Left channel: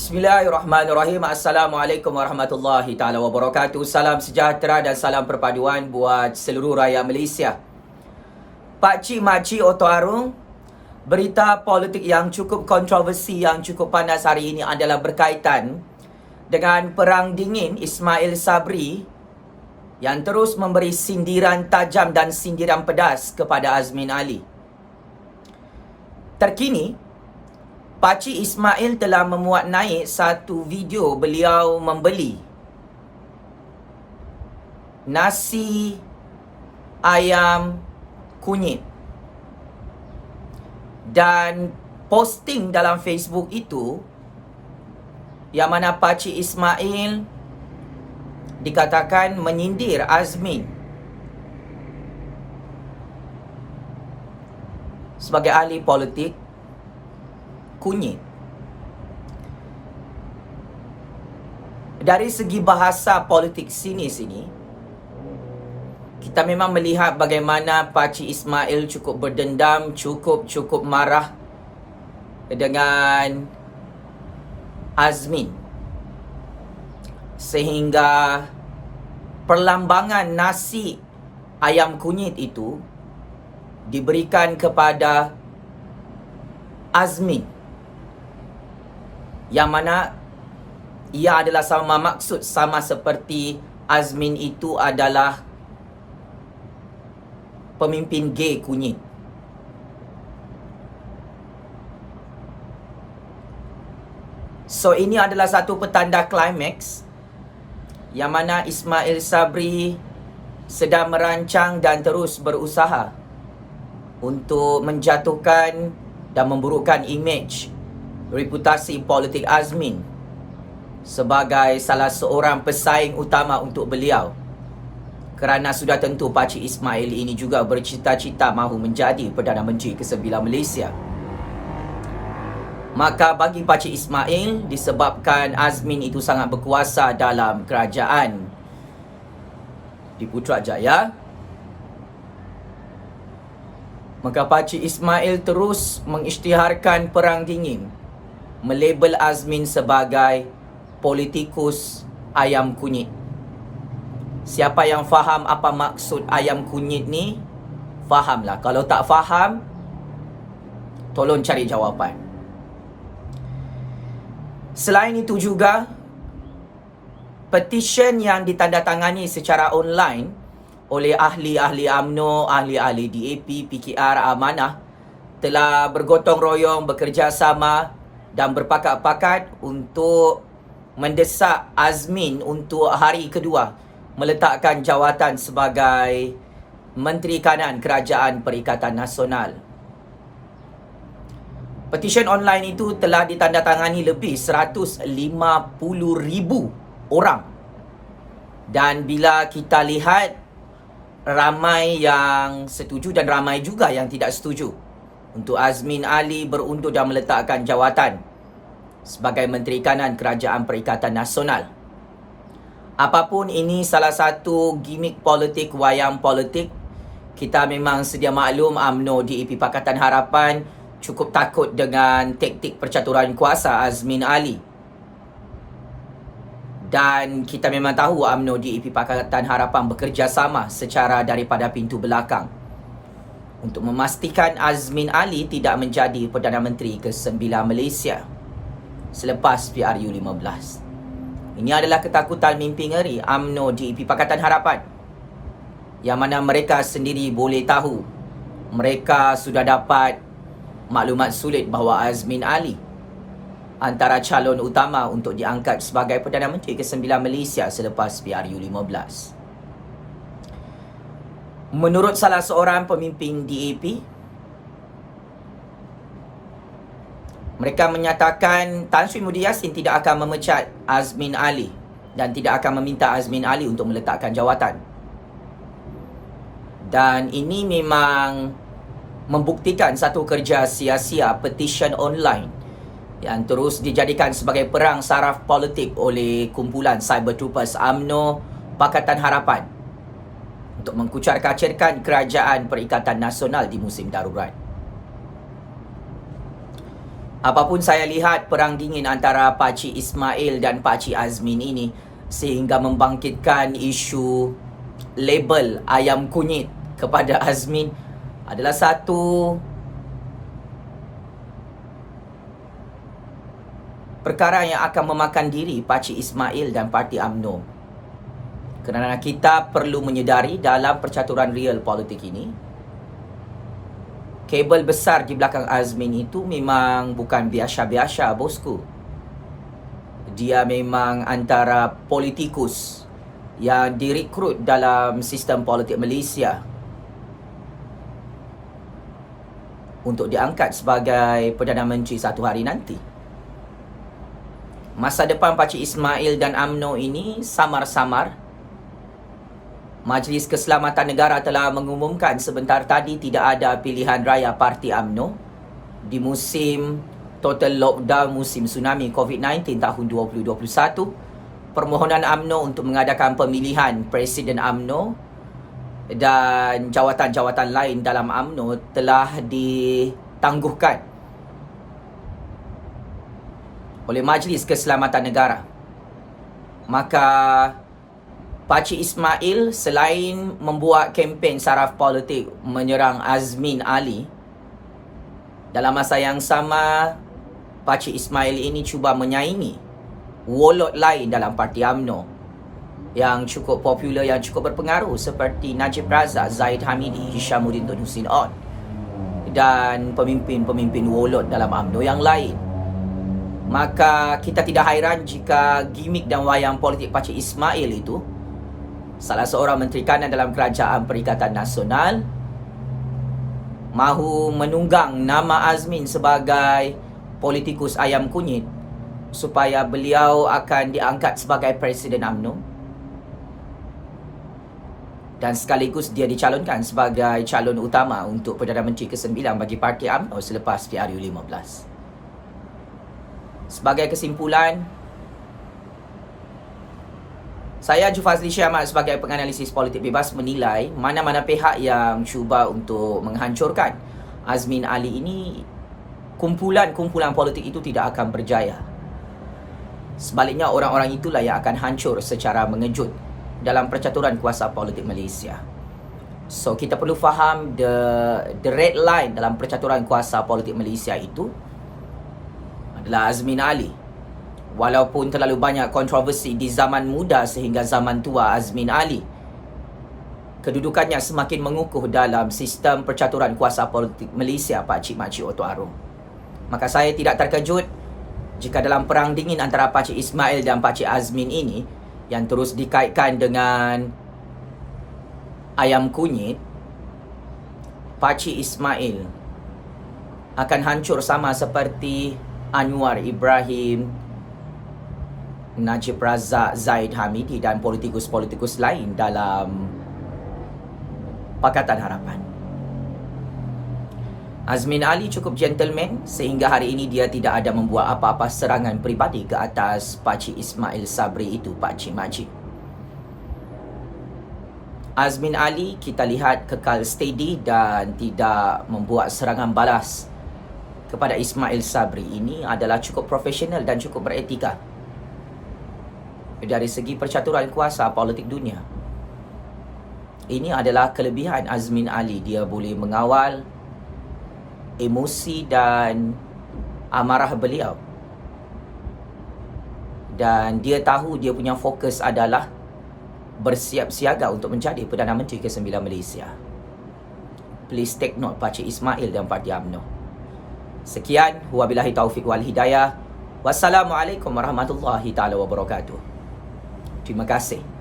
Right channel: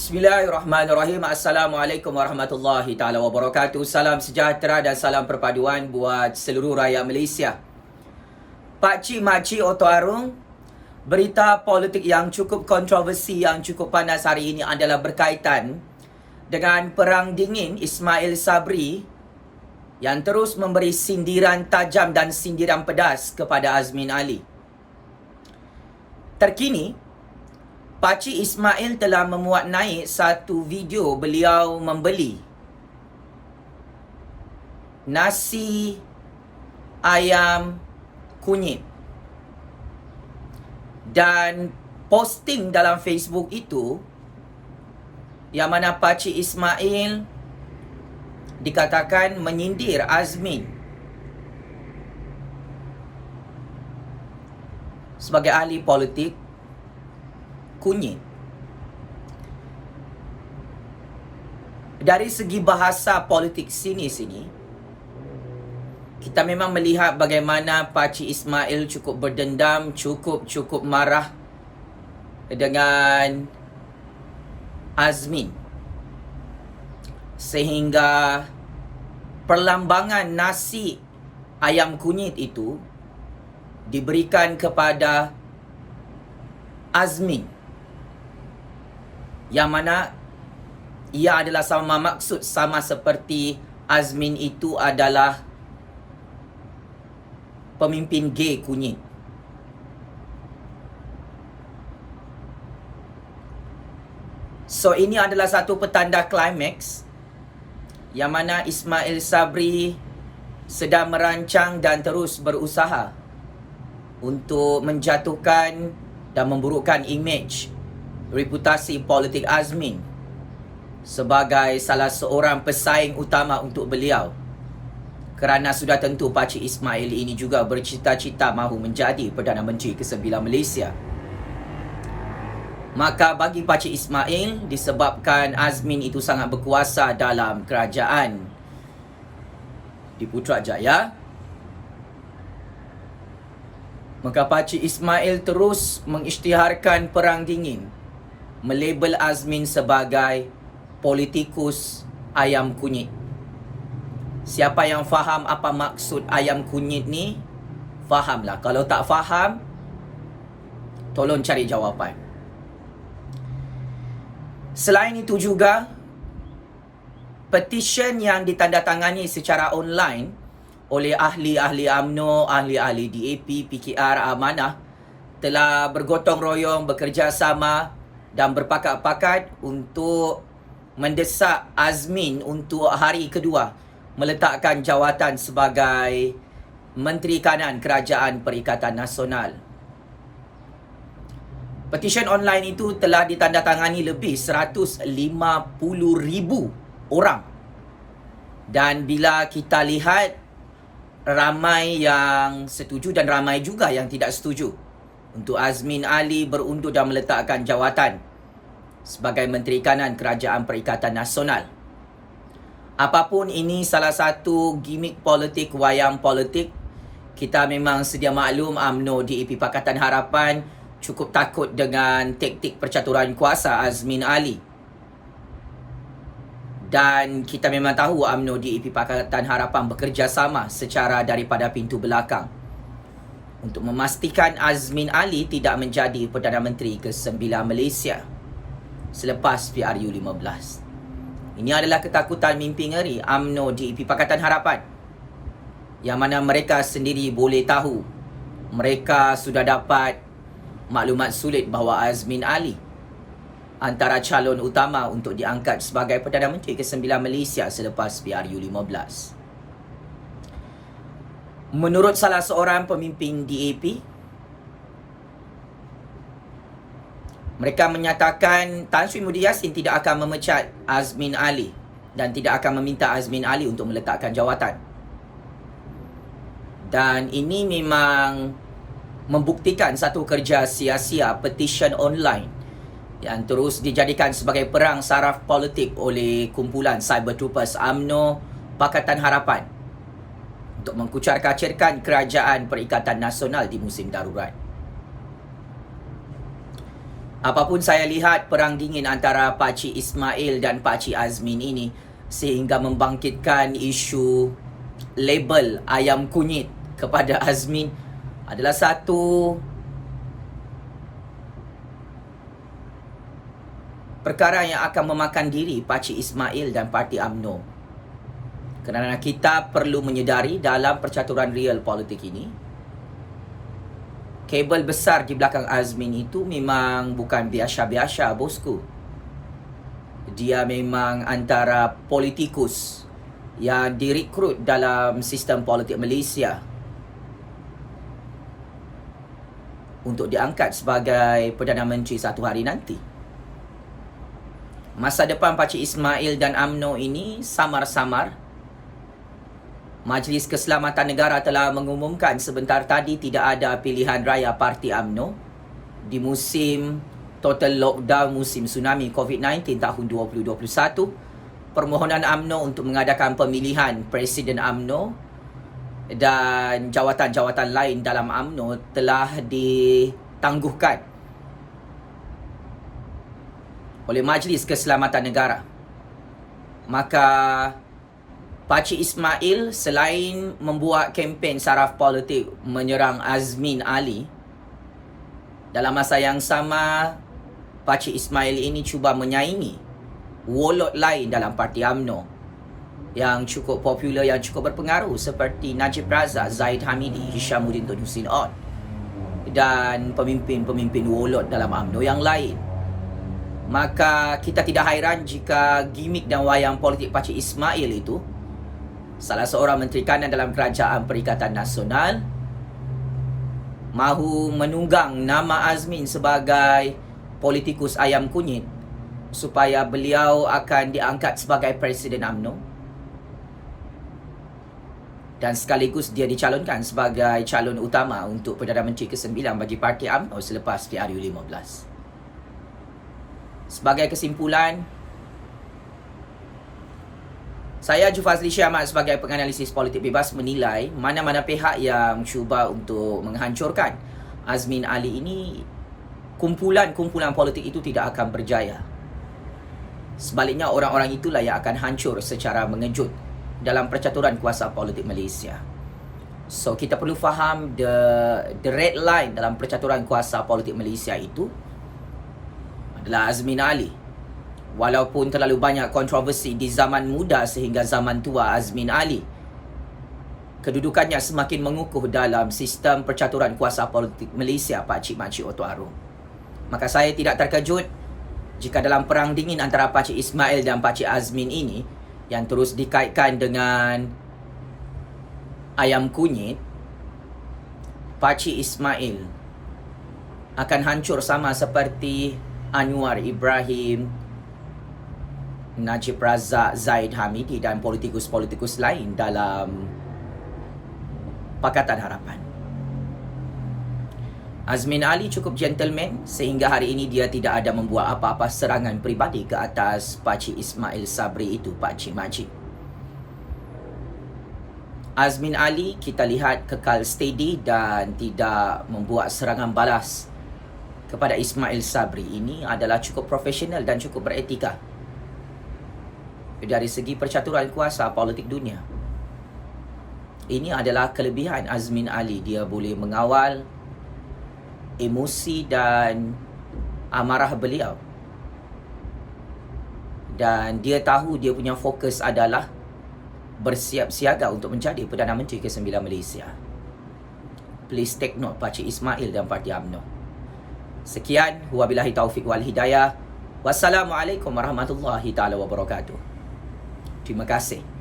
Bismillahirrahmanirrahim. Assalamualaikum warahmatullahi taala wabarakatuh. Salam sejahtera dan salam perpaduan buat seluruh rakyat Malaysia. Pakcik makcik Oto Arung, berita politik yang cukup kontroversi, yang cukup panas hari ini adalah berkaitan dengan perang dingin Ismail Sabri yang terus memberi sindiran tajam dan sindiran pedas kepada Azmin Ali. Terkini, Pakcik Ismail telah memuat naik satu video beliau membeli nasi ayam kunyit. Dan posting dalam Facebook itu, yang mana Pakcik Ismail dikatakan menyindir Azmin sebagai ahli politik kunyit. Dari segi bahasa politik sini, kita memang melihat bagaimana Pakcik Ismail cukup berdendam, cukup marah dengan Azmin, sehingga perlambangan nasi ayam kunyit itu diberikan kepada Azmin, yang mana ia adalah sama maksud, sama seperti Azmin itu adalah pemimpin gay kunyit. So ini adalah satu petanda klimaks yang mana Ismail Sabri sedang merancang dan terus berusaha untuk menjatuhkan dan memburukkan imej reputasi politik Azmin sebagai salah seorang pesaing utama untuk beliau. Kerana sudah tentu Pakcik Ismail ini juga bercita-cita mahu menjadi Perdana Menteri ke-9 Malaysia. Maka bagi Pakcik Ismail, disebabkan Azmin itu sangat berkuasa dalam kerajaan di Putrajaya, maka Pakcik Ismail terus mengisytiharkan perang dingin, melabel Azmin sebagai politikus ayam kunyit. Siapa yang faham apa maksud ayam kunyit ni, fahamlah. Kalau tak faham, tolong cari jawapan. Selain itu juga, petition yang ditandatangani secara online oleh ahli-ahli UMNO, ahli-ahli DAP, PKR, Amanah telah bergotong royong, bekerjasama dan berpakat-pakat untuk mendesak Azmin untuk hari kedua meletakkan jawatan sebagai Menteri Kanan Kerajaan Perikatan Nasional. Petition online itu telah ditandatangani lebih 150,000 orang. Dan bila kita lihat, ramai yang setuju dan ramai juga yang tidak setuju untuk Azmin Ali berundur dan meletakkan jawatan sebagai Menteri Kanan Kerajaan Perikatan Nasional. Apapun ini salah satu gimik politik, wayang politik. Kita memang sedia maklum UMNO DAP Pakatan Harapan cukup takut dengan taktik percaturan kuasa Azmin Ali. Dan kita memang tahu UMNO DAP Pakatan Harapan bekerjasama secara daripada pintu belakang untuk memastikan Azmin Ali tidak menjadi Perdana Menteri ke-9 Malaysia selepas PRU 15. Ini adalah ketakutan mimpi ngeri UMNO DAP Pakatan Harapan, yang mana mereka sendiri boleh tahu, mereka sudah dapat maklumat sulit bahawa Azmin Ali antara calon utama untuk diangkat sebagai Perdana Menteri ke-9 Malaysia selepas PRU 15. Menurut salah seorang pemimpin DAP, mereka menyatakan Tan Sri Muhyiddin Yassin tidak akan memecat Azmin Ali dan tidak akan meminta Azmin Ali untuk meletakkan jawatan. Dan ini memang membuktikan satu kerja sia-sia petition online yang terus dijadikan sebagai perang saraf politik oleh kumpulan Cyber Troopers UMNO Pakatan Harapan untuk Apapun saya lihat perang dingin antara Pakcik Ismail dan Pakcik Azmin ini sehingga membangkitkan isu label ayam kunyit kepada Azmin adalah satu perkara yang akan memakan diri Pakcik Ismail dan Parti UMNO. Kerana kita perlu menyedari dalam percaturan real politik ini, kabel besar di belakang Azmin itu memang bukan biasa-biasa, bosku. Dia memang antara politikus yang direkrut dalam sistem politik Malaysia untuk diangkat sebagai Perdana Menteri satu hari nanti. Masa depan Pakcik Ismail dan UMNO ini samar-samar. Majlis Keselamatan Negara telah mengumumkan sebentar tadi tidak ada pilihan raya Parti UMNO di musim total lockdown musim tsunami COVID-19 tahun 2021. Permohonan UMNO untuk mengadakan pemilihan Presiden UMNO dan jawatan-jawatan lain dalam UMNO telah ditangguhkan oleh Majlis Keselamatan Negara. Maka Pakcik Ismail selain membuat kempen saraf politik menyerang Azmin Ali, dalam masa yang sama Pakcik Ismail ini cuba menyaingi wolot lain dalam Parti UMNO yang cukup popular, yang cukup berpengaruh seperti Najib Razak, Zahid Hamidi, Hishamuddin Tun Hussein On dan pemimpin-pemimpin wolot dalam UMNO yang lain. Maka kita tidak hairan jika gimik dan wayang politik Pakcik Ismail itu, salah seorang Menteri Kanan dalam Kerajaan Perikatan Nasional, mahu menunggang nama Azmin sebagai politikus ayam kunyit supaya beliau akan diangkat sebagai Presiden UMNO dan sekaligus dia dicalonkan sebagai calon utama untuk Perdana Menteri ke-9 bagi Parti UMNO selepas PRU15. Sebagai kesimpulan, saya Jufazli Syah Ahmad sebagai penganalisis politik bebas menilai mana-mana pihak yang cuba untuk menghancurkan Azmin Ali ini, kumpulan-kumpulan politik itu tidak akan berjaya. Sebaliknya orang-orang itulah yang akan hancur secara mengejut dalam percaturan kuasa politik Malaysia. So kita perlu faham the red line dalam percaturan kuasa politik Malaysia itu adalah Azmin Ali. Walaupun terlalu banyak kontroversi di zaman muda sehingga zaman tua Azmin Ali, kedudukannya semakin mengukuh dalam sistem percaturan kuasa politik Malaysia, pakcik-makcik Oto Arong. Maka saya tidak terkejut jika dalam perang dingin antara Pakcik Ismail dan Pakcik Azmin ini yang terus dikaitkan dengan ayam kunyit, Pakcik Ismail akan hancur sama seperti Anwar Ibrahim, Najib Razak, Zahid Hamidi dan politikus-politikus lain dalam Pakatan Harapan. Azmin Ali cukup gentleman sehingga hari ini dia tidak ada membuat apa-apa serangan peribadi ke atas Pakcik Ismail Sabri itu, pakcik-makcik. Azmin Ali kita lihat kekal steady dan tidak membuat serangan balas kepada Ismail Sabri. Ini adalah cukup profesional dan cukup beretika dari segi percaturan kuasa politik dunia. Ini adalah kelebihan Azmin Ali. Dia boleh mengawal emosi dan amarah beliau. Dan dia tahu dia punya fokus adalah bersiap siaga untuk menjadi Perdana Menteri ke-9 Malaysia. Please take note Pakcik Ismail dan Parti UMNO. Sekian, wabillahi taufiq wal hidayah. Wassalamualaikum warahmatullahi taala wabarakatuh. Terima kasih.